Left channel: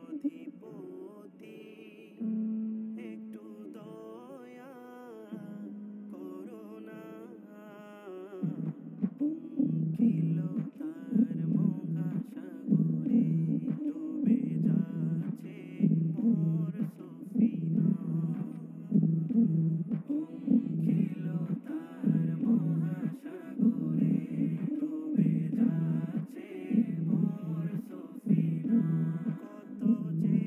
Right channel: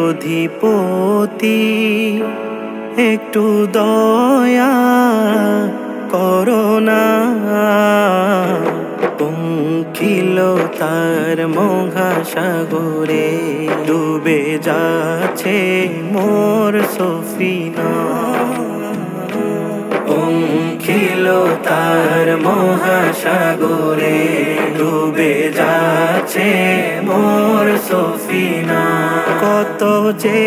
অধিপতি একটু দয়া করোনা পঙ্কিলতার মহাসাগরে ডুবে যাচ্ছে মোর সফিনা পঙ্কিলতার মহাসাগরে ডুবে যাচ্ছে মোর সফিনা কত যে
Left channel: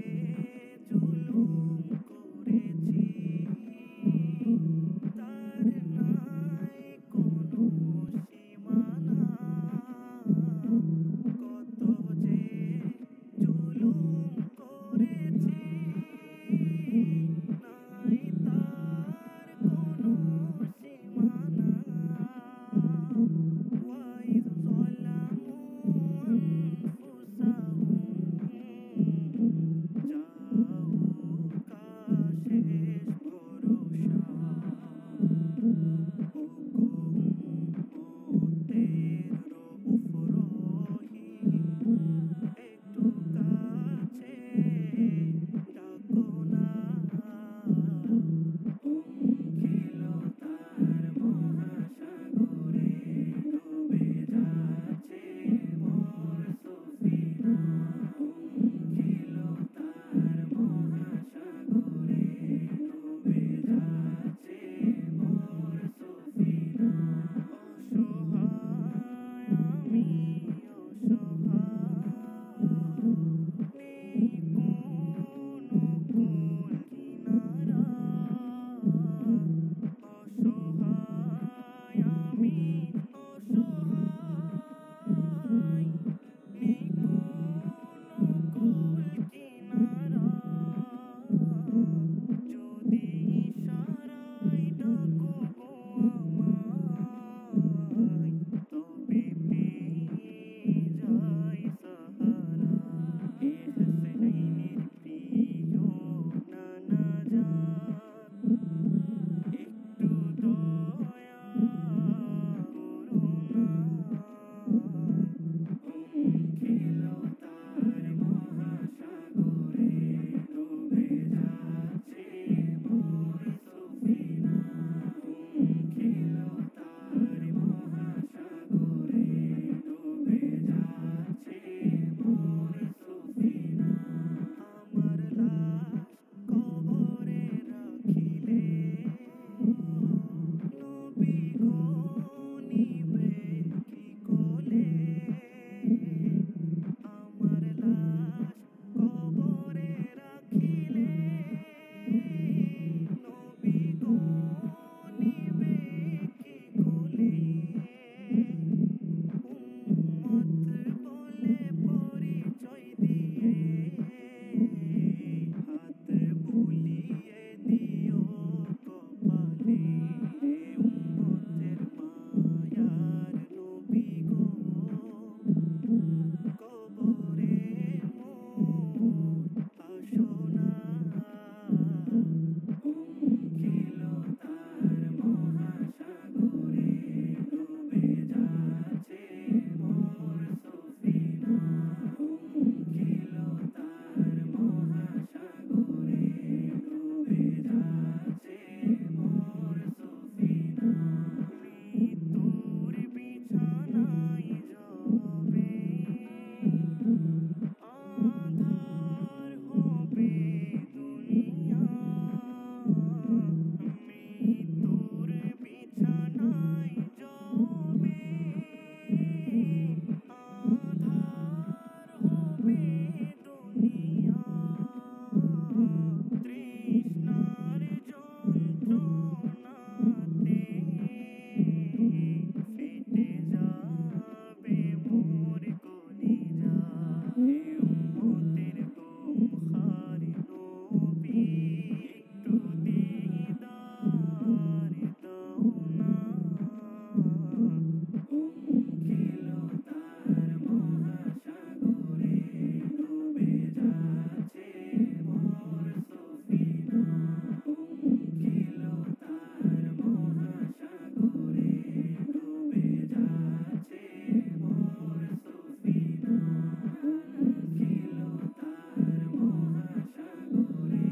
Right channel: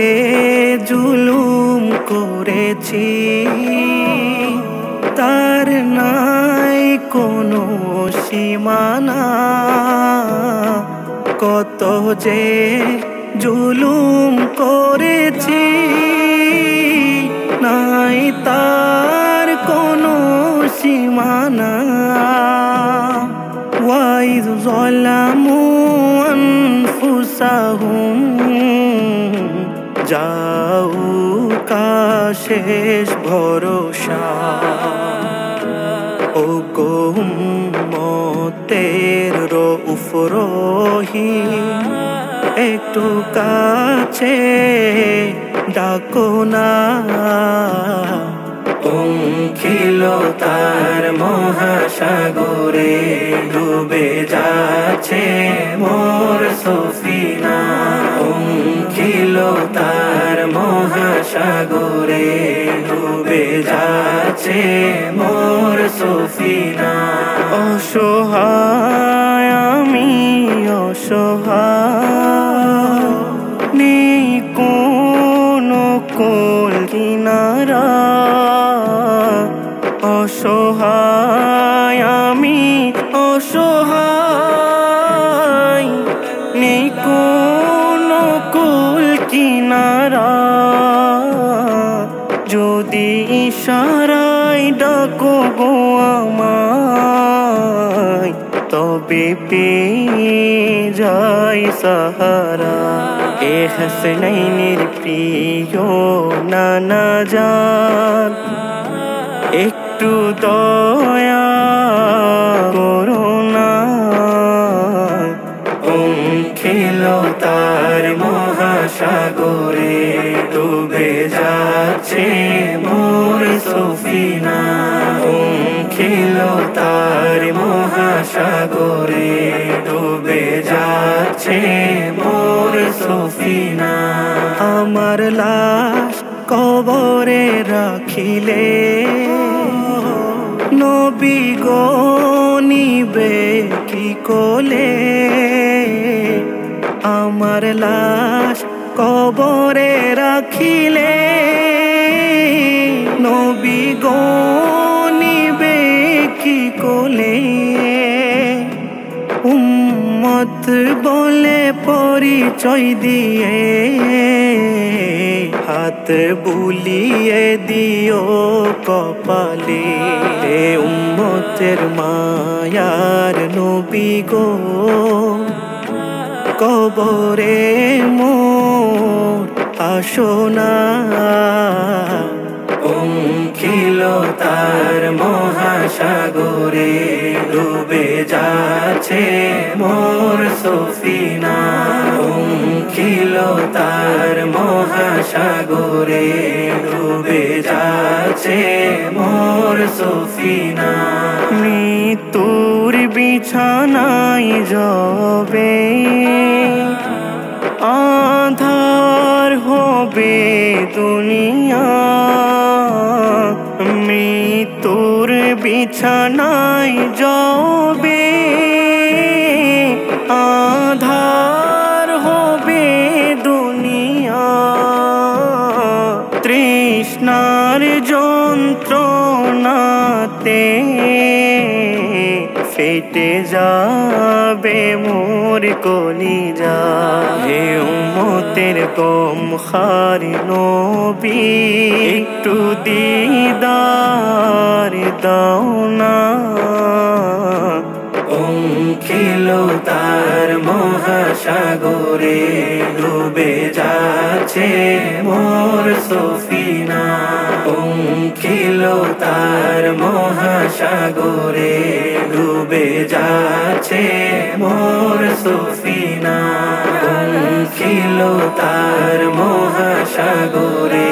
জুলুম করেছি তার নাই কোনো সীমানা কত যে জুলুম করেছি নাই তার কোনো সীমানা ওয়াইদ যালামু আনফুসাহুম যাউকা শেষ ভরসা ও গো উম্মতের রউফ রহিম একটু কাছে ডাকো না পঙ্কিলতার মহাসাগরে ডুবে যাচ্ছে মোর সফিনা পঙ্কিলতার মহাসাগরে ডুবে যাচ্ছে মোর সফিনা অসহায় আমি অসহায় নেই কোনো কোল কিনারা অসহায় আমি অসহায় নেই কোনো কুল কিনারা যদি ইশারায় ডাকো গো আমায় তবে পেয়ে যাই সাহারা এ হাসনাইনের প্রিয় নানা জান একটু দয়া করোনা পঙ্কিলতার মহাসাগরে ডুবে যাচ্ছে মোর সফিনা পঙ্কিলতার মহাসাগরে ডুবে যাচ্ছে মোর সফিনা আমার লাশ কবরে রাখিলে নবী গো নিবে কি কোলে আমার লাশ কবরে রাখিলে নবী গো নিবে কি কোলে উম্মত বলে পরিচয় দিয়ে হাত বুলিয়ে দিও কপালে উম্মতের মায়ার নবী গো কবরে মোর আসোনা পঙ্কিলতার মহাসাগরে ডুবে যাচ্ছে মোর সফিনা পঙ্কিলতার মহাসাগরে ডুবে যাচ্ছে মোর সফিনা মৃত্যুর বিছানায় যাবে আধার হবে দুনিয়া মৃত্যুর বিছানায় যাবে আধার হবে দুনিয়া তৃষ্ণার যন্ত্রণাতে ফেটে যাবে মোর কলিজা হে উম্মতের গমখার নবী একটু দিদার দাও না পঙ্কিলতার মহাসাগরে ডুবে যাচ্ছে মোর সফিনা পঙ্কিলতার মহাসাগরে ডুবে যাচ্ছে মোর সফিনা পঙ্কিলতার মহাসাগরে